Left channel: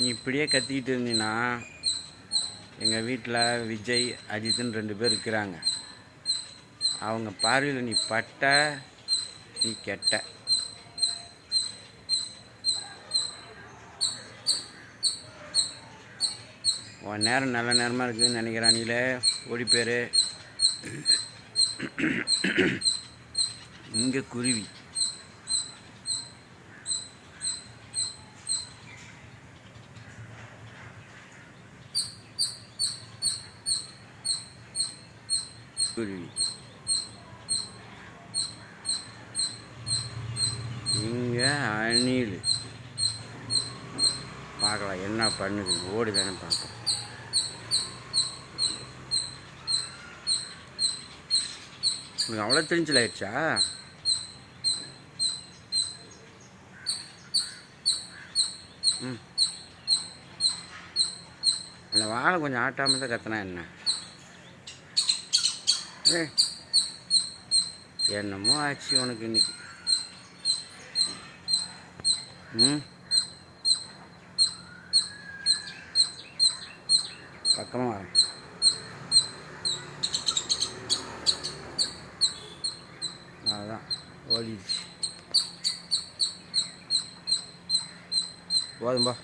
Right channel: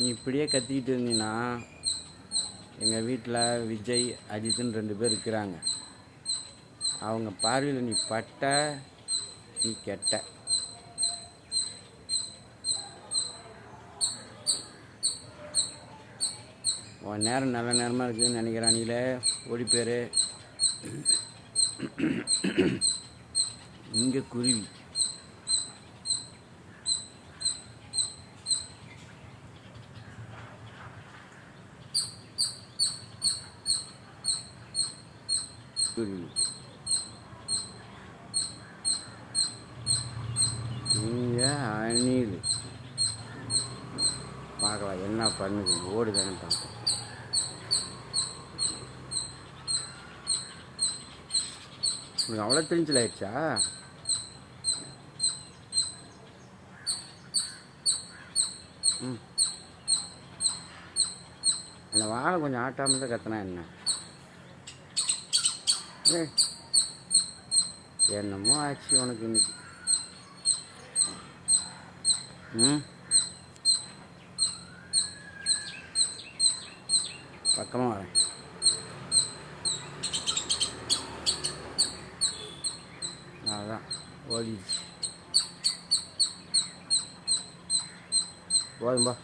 நீ இப்படியே கத்திக்கிட்டு இருந்தீன்னா எங்கள் வீட்டில் விஜய் அஜித்துன்னு 2 பேர் இருக்கிறாங்க. அவங்க பார்வையில் நீ பட்ட, நீ கெட்ட. உன் நேரம் நல்ல நேரமாக இருக்குதுன்னு நினைக்கிறானிலே, ஓடி பேர். இங்கே குருவி இங்கே அணில். பார்க்கலாம் என்ன பண்ணுது, ஓடுதானே பார்ப்போம். உனக்கு அவ்வளோ தெரிஞ்சல் ஆயிடுச்சா? அந்த வாழை கொஞ்சம் ஆட்டாமல் தான் கத்தினா என்ன? என்னமோ ஆச்சு உனக்கு இன்னைக்கு. பக்கமாக வரேன். அதுதான் ஓடிடுச்சு. போதும்பா.